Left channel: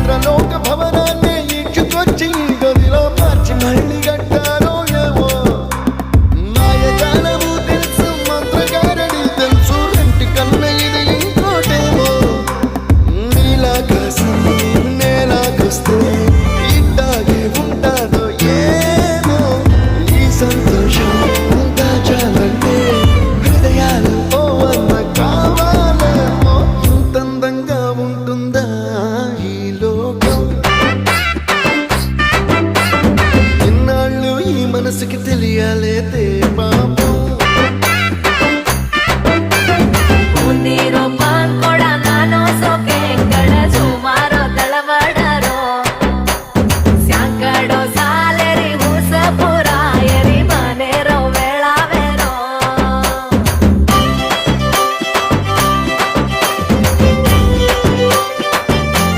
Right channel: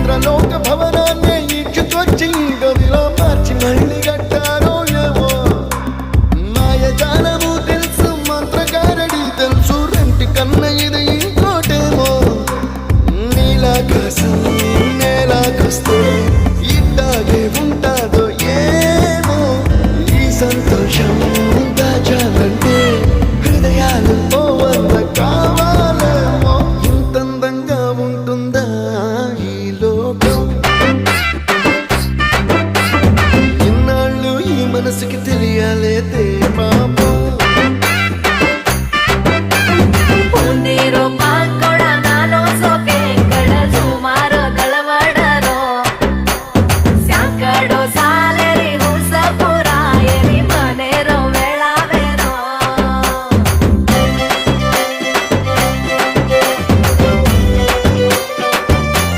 ఇంద్రలోక భవనాన్ని ఈడ్చుకొచ్చి గదిలో మార్చి మళ్ళీ కట్టారో ఏమో మాయజాలము తెలుసు మంత్రగారడి తెలుసు రెంటి కన్న ఇది ఇంకోటేమో నీలాకాశం నేలాకొస్తే ఇట్టాగే ఉంటాదో ఏమో ఈ సంతోషం దాచాలంటే హృదయాలు ఓ వంద కావాలేమో ఇంతందంగా ఉంటుందా ఈ లోకం ఇన్నాళ్ళు ఈ మనసుకి తెలియాలేదే పాపం